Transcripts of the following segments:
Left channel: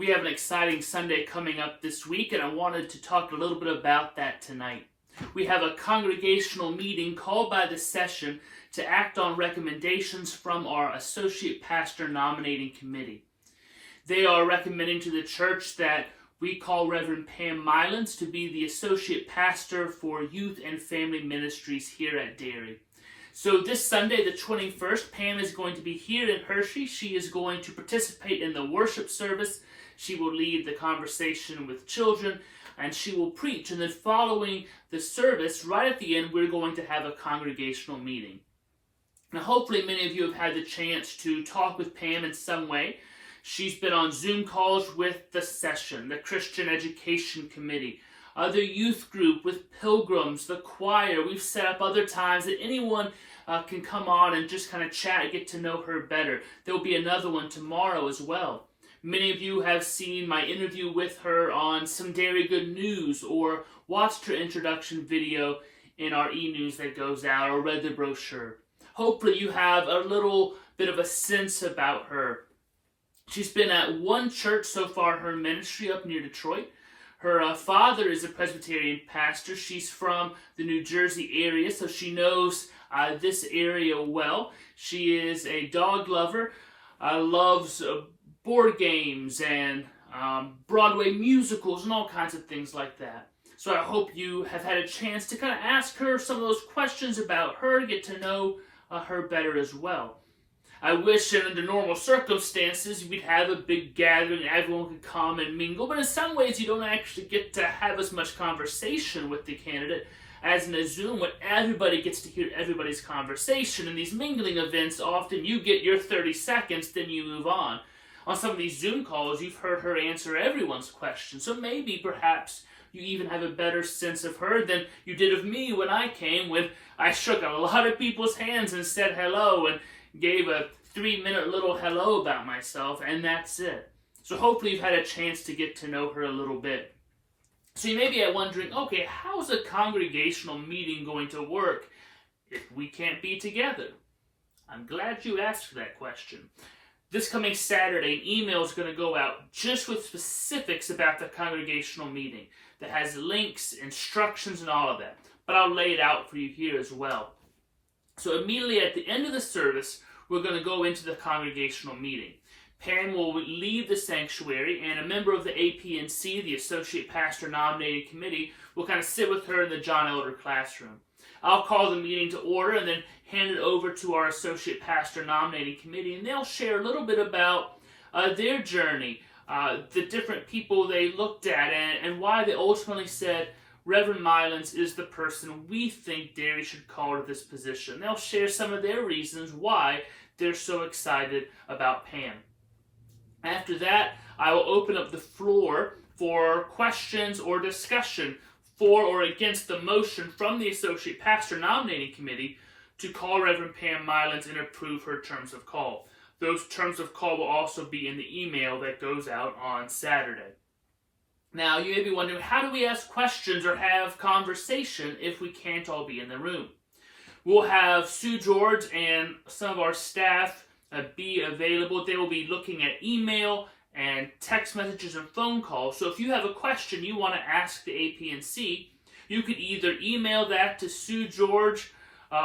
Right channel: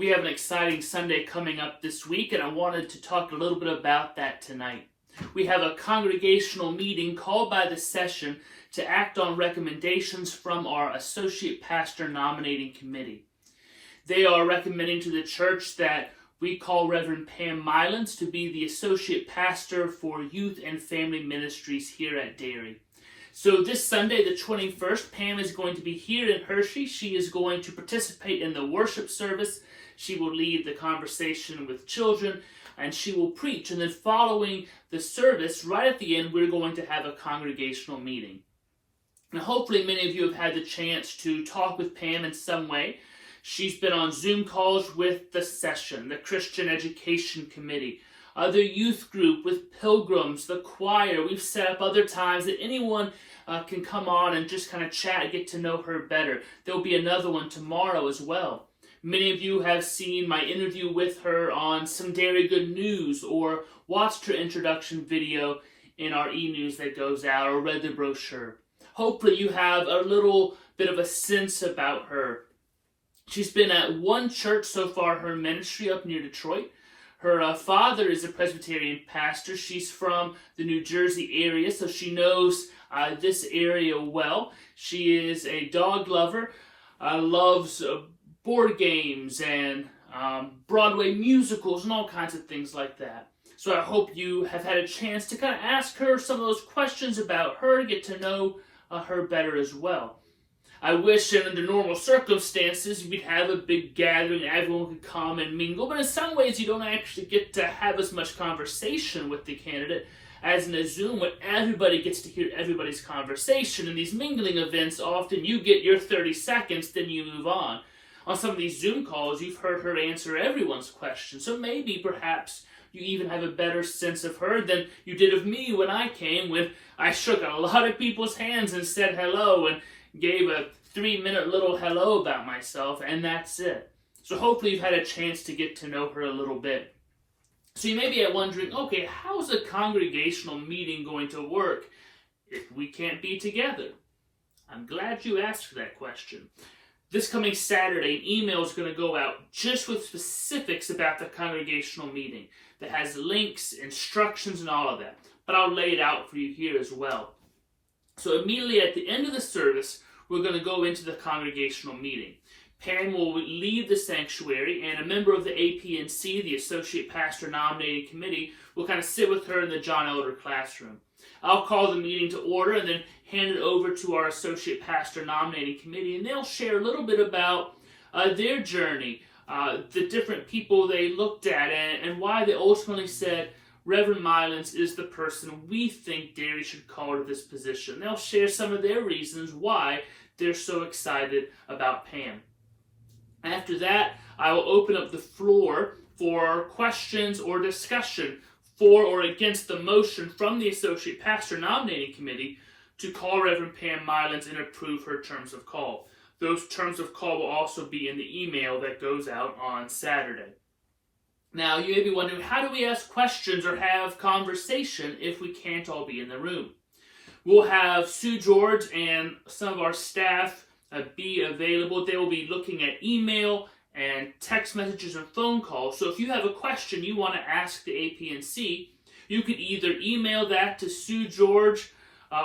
We have an exciting Sunday coming up this week, and I wanted to talk a little bit about that tonight. We have a congregational meeting called by the session to act on recommendations from our Associate Pastor Nominating Committee. They are recommending to the church that we call Reverend Pam Mylans to be the Associate Pastor for Youth and Family Ministries here at Derry. So this Sunday, the 21st, Pam is going to be here in Hershey. She is going to participate in the worship service. She will lead the conversation with children, and she will preach. And then following the service, right at the end, we're going to have a congregational meeting. Now, hopefully many of you have had the chance to talk with Pam in some way. She's been on Zoom calls with the session, the Christian Education Committee, the youth group with pilgrims, the choir. We've set up other times that anyone can come on and just kind of chat, get to know her better. There'll be another one tomorrow as well. Many of you have seen my interview with her on Some Derry Good News, or watched her introduction video in our e-news that goes out, or read the brochure. Hopefully you have a little bit of a sense about her. She's been at one church so far, her ministry up near Detroit. Her father is a Presbyterian pastor. She's from the New Jersey area, so she knows this area well. She is a dog lover, loves board games and Broadway musicals and all kinds of things like that. So I hope you have had a chance to kind of ask her some of those questions about her, get to know her better as well. I wish under normal circumstances we'd have a big gathering, everyone could come and mingle, but in some ways you don't actually get to have as much conversation with the candidate as in a Zoom, when everybody gets to hear everybody's conversation. In these mingling events, often you get your 30 seconds, then you move on. On some of these Zoom calls, you've heard her answer everyone's questions, so maybe perhaps you even have a better sense of her than you did of me when I came, when I shook a lot of people's hands and said hello and gave a 3-minute little hello about myself, and that's it. So hopefully you've had a chance to get to know her a little bit. So you may be wondering, okay, how's a congregational meeting going to work if we can't be together? I'm glad you asked that question. This coming Saturday, an email is going to go out just with specifics about the congregational meeting that has links, instructions, and all of that. But I'll lay it out for you here as well. So immediately at the end of the service, we're going to go into the congregational meeting. Pam will leave the sanctuary, and a member of the APNC, the Associate Pastor Nominating Committee, will kind of sit with her in the John Elder classroom. I'll call the meeting to order and then hand it over to our Associate Pastor Nominating Committee, and they'll share a little bit about their journey, the different people they looked at, and why they ultimately said, Reverend Mylans is the person we think Derry should call to this position. They'll share some of their reasons why they're so excited about Pam. After that, I will open up the floor for questions or discussion for or against the motion from the Associate Pastor Nominating Committee to call Reverend Pam Mylans and approve her terms of call. Those terms of call will also be in the email that goes out on Saturday. Now, you may be wondering, how do we ask questions or have conversation if we can't all be in the room? We'll have Sue George and some of our staff be available. They will be looking at email and text messages and phone calls. So if you have a question you want to ask the APNC, you can either email that to Sue George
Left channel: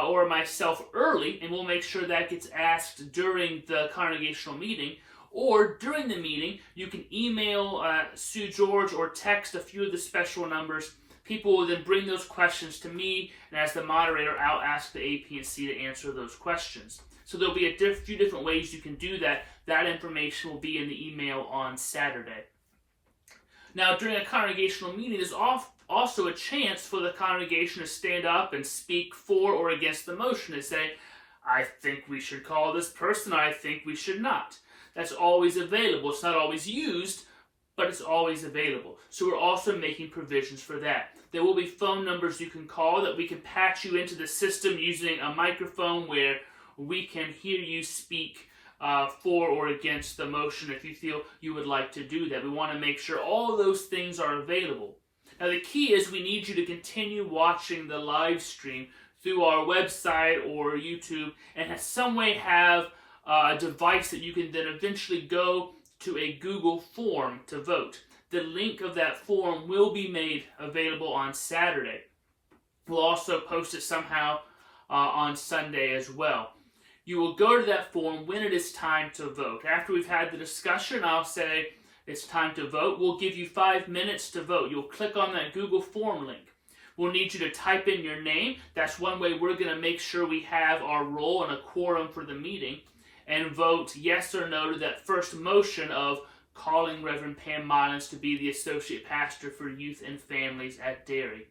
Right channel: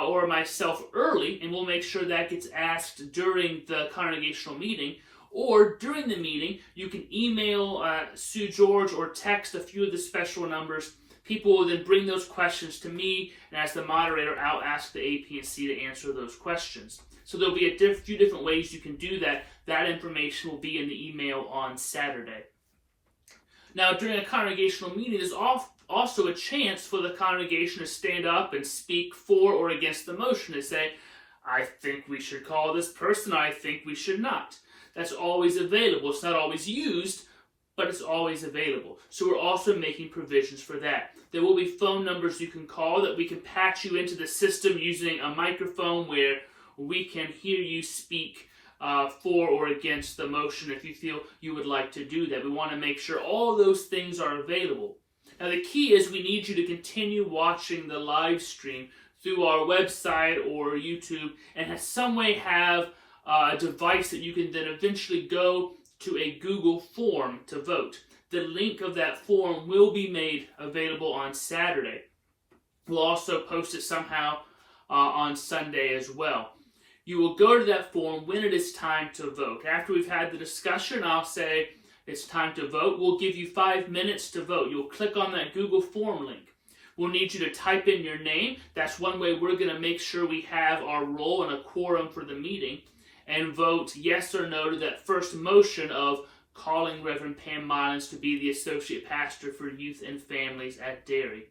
or myself early, and we'll make sure that gets asked during the congregational meeting. Or during the meeting, you can email Sue George or text a few of the special numbers. People will then bring those questions to me, and as the moderator, I'll ask the APNC to answer those questions. So there'll be a few different ways you can do that. That information will be in the email on Saturday. Now, during a congregational meeting, there's also a chance for the congregation to stand up and speak for or against the motion and say, I think we should call this person, or I think we should not. That's always available. It's not always used, but it's always available. So we're also making provisions for that. There will be phone numbers you can call that we can patch you into the system using a microphone where we can hear you speak for or against the motion if you feel you would like to do that. We want to make sure all of those things are available. Now the key is we need you to continue watching the live stream through our website or YouTube, and in some way have a device that you can then eventually go to a Google form to vote. The link of that form will be made available on Saturday. We'll also post it somehow on Sunday as well. You will go to that form when it is time to vote. After we've had the discussion, I'll say it's time to vote. We'll give you 5 minutes to vote. You'll click on that Google form link. We'll need you to type in your name. That's one way we're going to make sure we have our roll and a quorum for the meeting, and vote yes or no to that first motion of calling Reverend Pam Mullins to be the Associate Pastor for Youth and Families at Derry.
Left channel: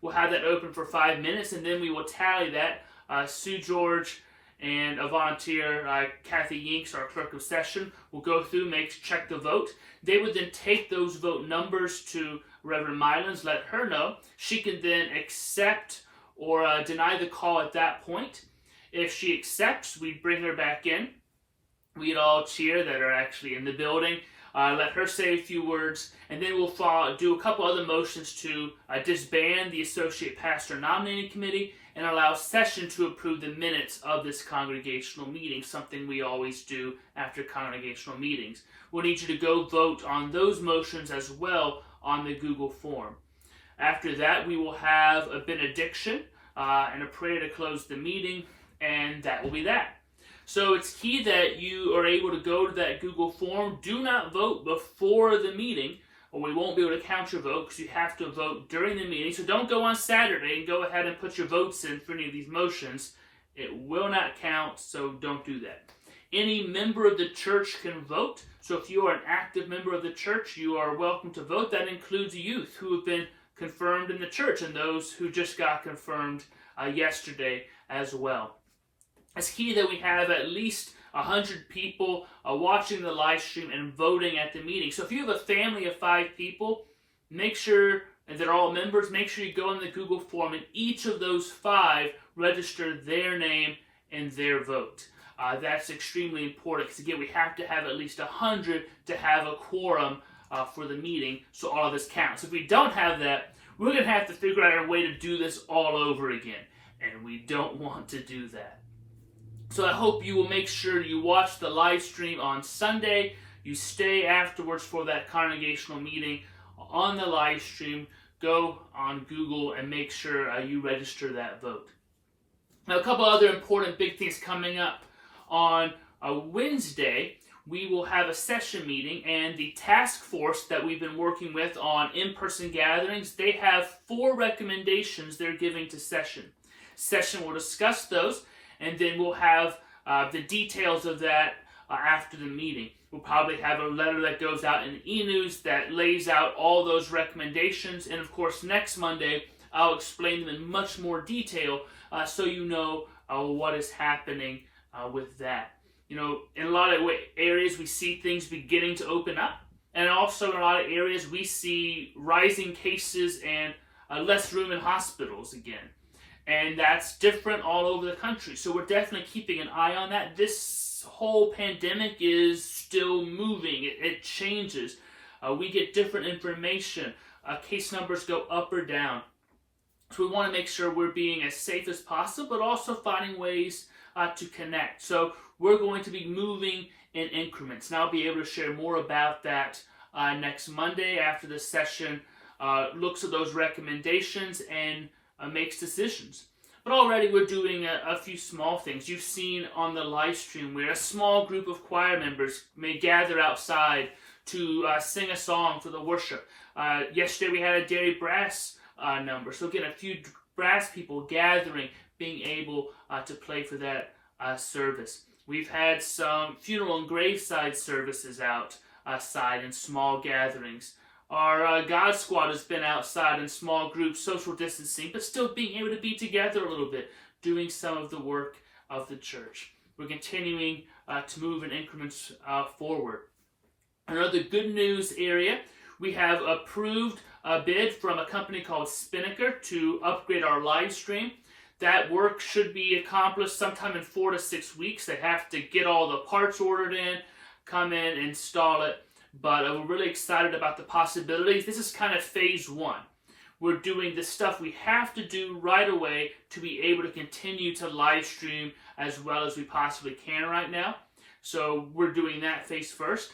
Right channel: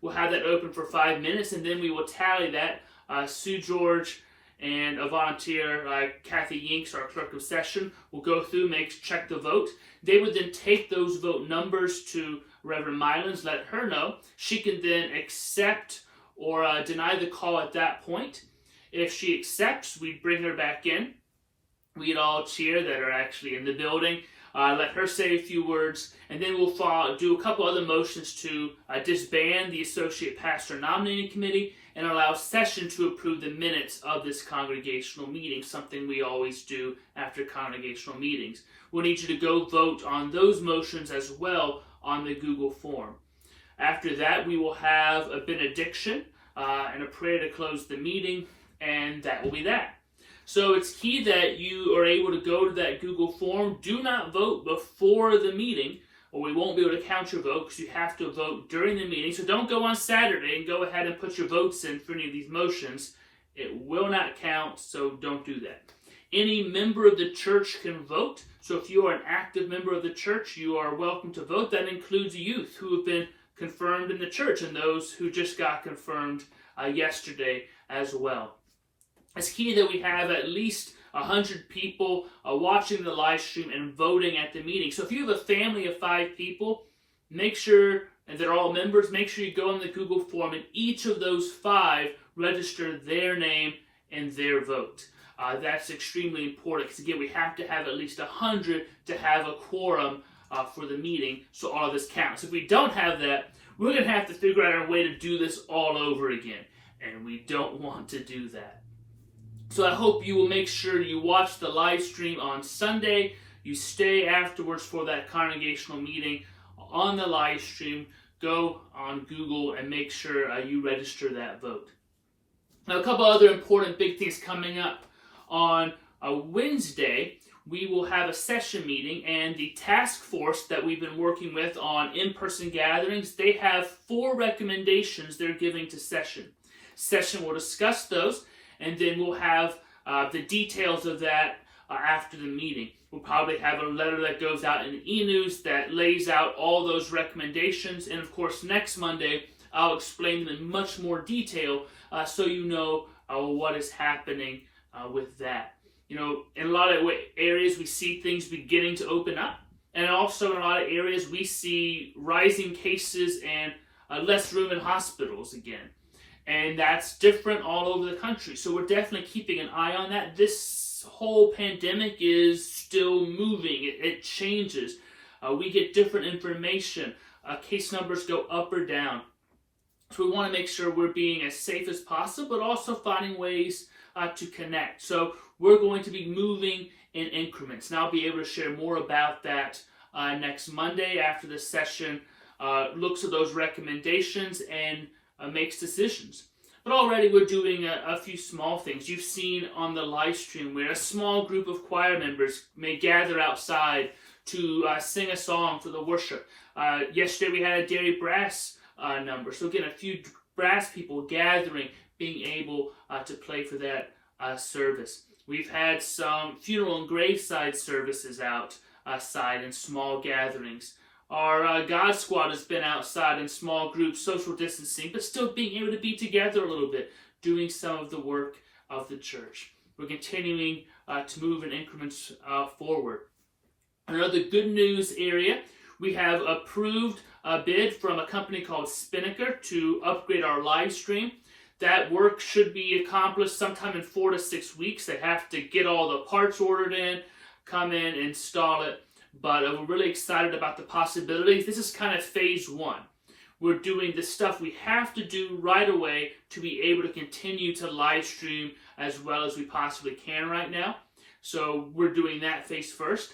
We'll have that open for 5 minutes, and then we will tally that. Sue George and a volunteer, Kathy Yinks, our clerk of session, will go through, check the vote. They would then take those vote numbers to Reverend Mullins, let her know. She can then accept or deny the call at that point. If she accepts, we bring her back in. We'd all cheer that are actually in the building. Let her say a few words, and then we'll do a couple other motions to disband the Associate Pastor Nominating Committee and allow session to approve the minutes of this congregational meeting, something we always do after congregational meetings. We'll need you to go vote on those motions as well on the Google form. After that, we will have a benediction and a prayer to close the meeting, and that will be that. So it's key that you are able to go to that Google form. Do not vote before the meeting, or we won't be able to count your vote, because you have to vote during the meeting. So don't go on Saturday and go ahead and put your votes in for any of these motions. It will not count, so don't do that. Any member of the church can vote. So if you are an active member of the church, you are welcome to vote. That includes youth who have been confirmed in the church and those who just got confirmed yesterday as well. It's key that we have at least 100 people watching the live stream and voting at the meeting. So if you have a family of 5 people, make sure, and they're all members, make sure you go in the Google form and each of those 5 register their name and their vote. That's extremely important, because again, we have to have at least 100 to have a quorum for the meeting, so all of this counts. If we don't have that, we're going to have to figure out a way to do this all over again, and we don't want to do that. So I hope you will make sure you watch the live stream on Sunday. You stay afterwards for that congregational meeting on the live stream. Go on Google and make sure you register that vote. Now, a couple other important big things coming up. On Wednesday, we will have a session meeting, and the task force that we've been working with on in-person gatherings, they have 4 recommendations they're giving to session. Session will discuss those, and then we'll have the details of that after the meeting. We'll probably have a letter that goes out in e-news that lays out all those recommendations, and of course next Monday I'll explain them in much more detail so you know what is happening with that. You know, in a lot of areas we see things beginning to open up, and also in a lot of areas we see rising cases and less room in hospitals again. And that's different all over the country. So we're definitely keeping an eye on that. This whole pandemic is still moving. It changes. We get different information. Case numbers go up or down. So we want to make sure we're being as safe as possible, but also finding ways to connect. So we're going to be moving in increments. And I'll be able to share more about that next Monday after the session looks at those recommendations and makes decisions. But already we're doing a few small things. You've seen on the live stream where a small group of choir members may gather outside to sing a song for the worship. Yesterday we had a Derry brass number. So again, a few brass people gathering, being able to play for that service. We've had some funeral and graveside services outside in small gatherings. Our God Squad has been outside in small groups, social distancing, but still being able to be together a little bit, doing some of the work of the church. We're continuing to move in increments forward. Another good news area, we have approved a bid from a company called Spinnaker to upgrade our live stream. That work should be accomplished sometime in 4 to 6 weeks. They have to get all the parts ordered in, come in, install it. But we're really excited about the possibilities. This is kind of phase 1. We're doing the stuff we have to do right away to be able to continue to live stream as well as we possibly can right now. So we're doing that phase first.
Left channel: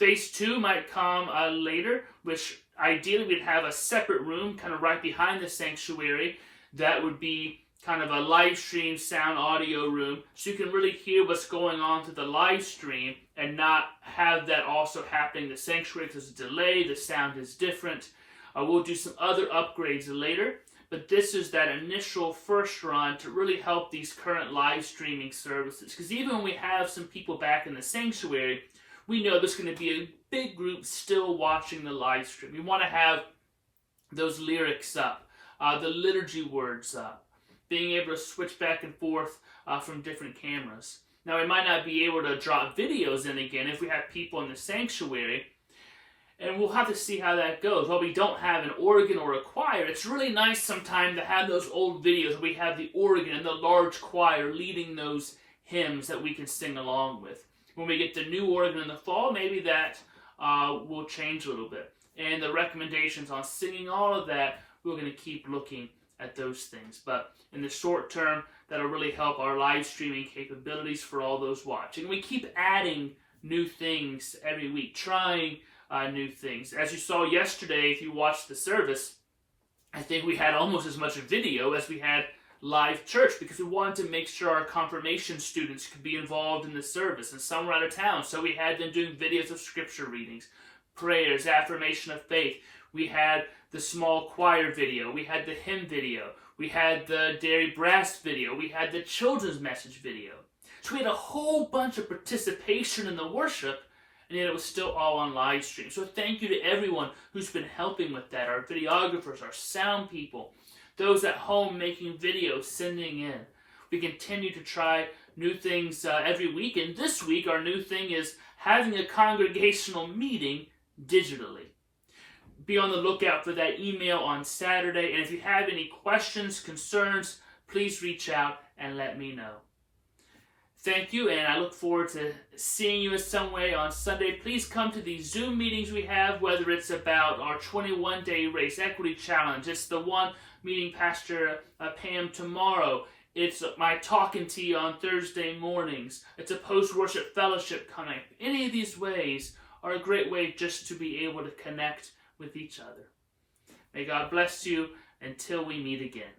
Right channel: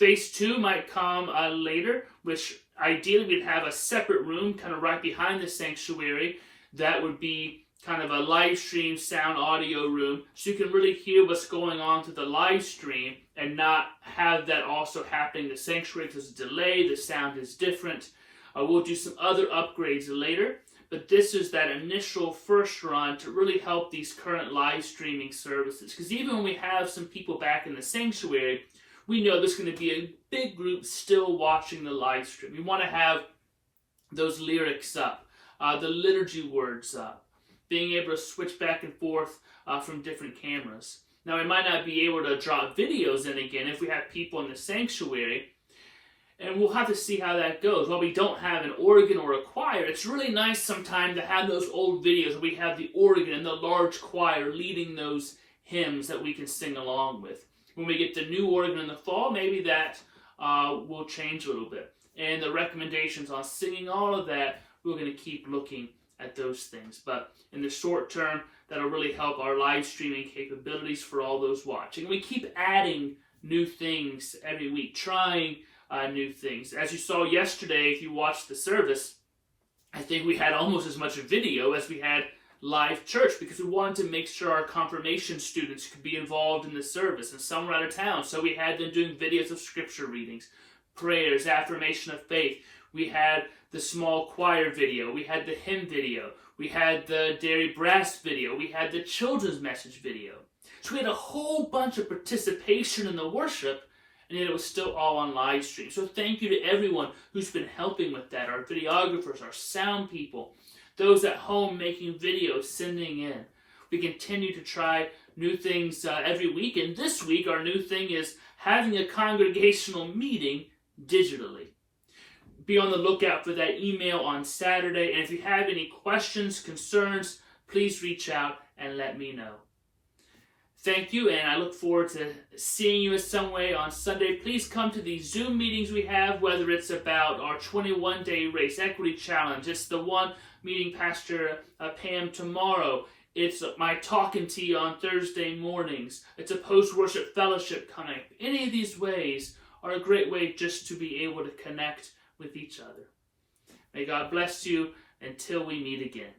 Phase 2 might come later, which ideally we'd have a separate room kind of right behind the sanctuary that would be kind of a live stream sound audio room, so you can really hear what's going on through the live stream and not have that also happening in the sanctuary. There's a delay, the sound is different. We'll do some other upgrades later, but this is that initial first run to really help these current live streaming services, because even when we have some people back in the sanctuary, we know there's going to be a big group still watching the live stream. We want to have those lyrics up, the liturgy words up, being able to switch back and forth from different cameras. Now, we might not be able to drop videos in again if we have people in the sanctuary, and we'll have to see how that goes. While we don't have an organ or a choir, it's really nice sometimes to have those old videos where we have the organ and the large choir leading those hymns that we can sing along with. When we get the new organ in the fall, maybe that will change a little bit. And the recommendations on singing, all of that, we're going to keep looking at those things. But in the short term, that'll really help our live streaming capabilities for all those watching. We keep adding new things every week, trying new things. As you saw yesterday, if you watched the service, I think we had almost as much video as we had live church, because we wanted to make sure our confirmation students could be involved in the service, and some were out of town, so we had them doing videos of scripture readings, prayers, affirmation of faith. We had the small choir video, we had the hymn video, we had the dairy brass video, we had the children's message video. So we had a whole bunch of participation in the worship, and yet it was still all on live stream. So thank you to everyone who's been helping with that, our videographers, our sound people, those at home making videos, sending in. We continue to try new things every week, and this week our new thing is having a congregational meeting digitally. Be on the lookout for that email on Saturday, and if you have any questions, concerns, please reach out and let me know. Thank you, and I look forward to seeing you in some way on Sunday. Please come to these Zoom meetings we have, whether it's about our 21-day race equity challenge. It's the one meeting Pastor Pam tomorrow. It's my talking to you on Thursday mornings. It's a post-worship fellowship coming. Any of these ways are a great way just to be able to connect with each other. May God bless you until we meet again.